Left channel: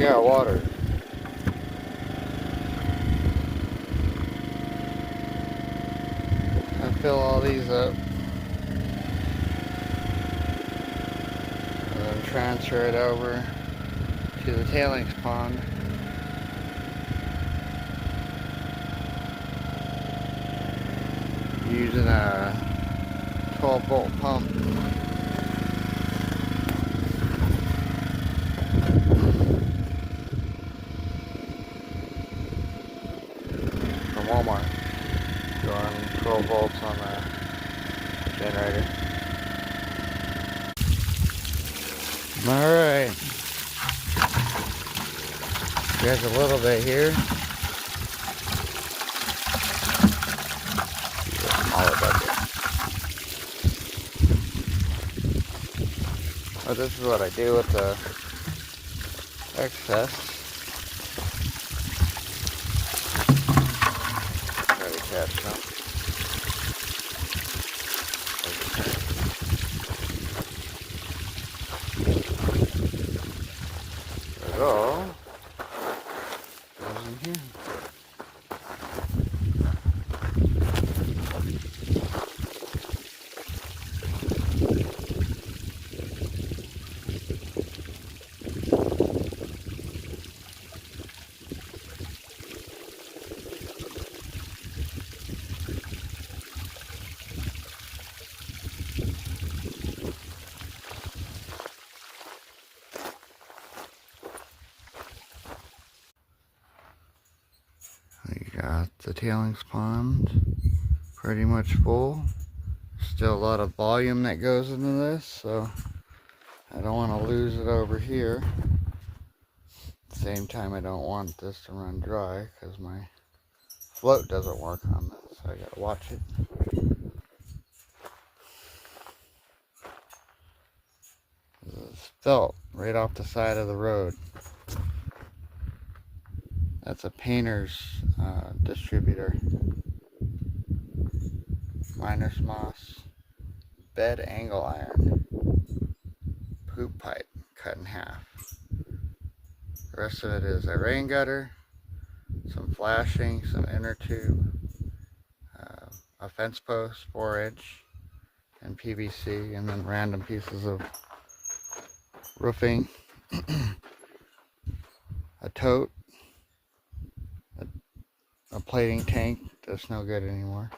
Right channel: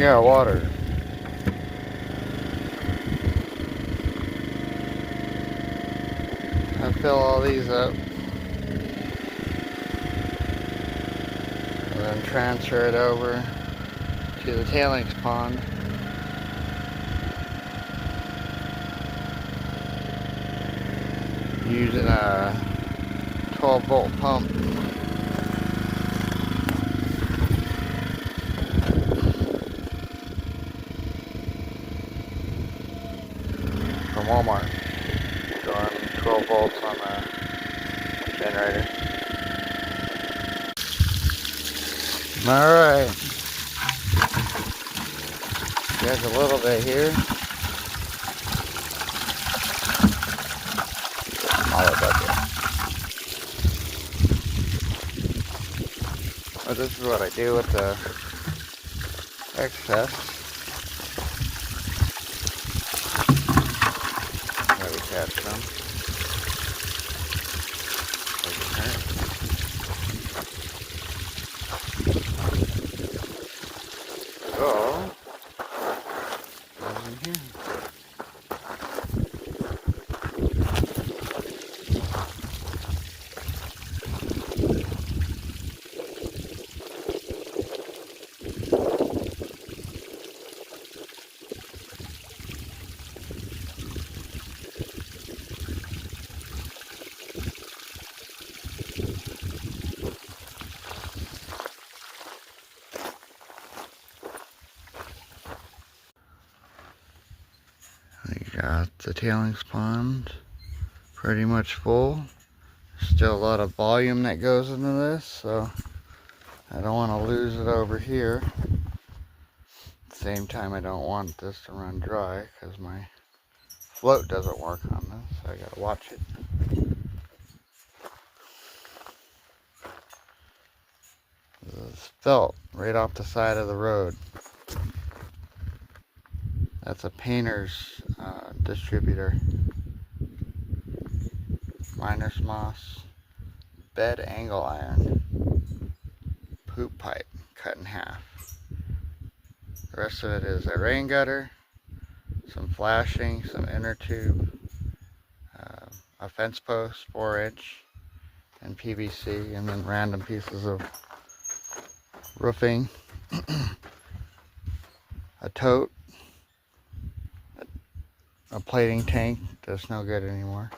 Yeah, water. I fill all these up and then transfer it over to the tailings pond. Using a 12-volt pump. From Walmart. Going 12 volts on the generator. Alright. There's a little bit here. Smaller bucket. But this is what I do with the excess. Gotta catch some. So, goes in here. We got the tailings pond pretty much full. Still a lot of volume that goes into this, so I don't want to lose it over here. At the same time, I don't want this to run dry because my float doesn't work on this, so I gotta watch it. This is felt right off the side of the road. That's a painter's distributor. Miner's moss, bed angle iron, poop pipe cut in half. The rest of it is a rain gutter, some flashing, some inner tube, a fence post, 4-inch, and PVC, and then random pieces of roofing, a tote, a plating tank that's no good anymore.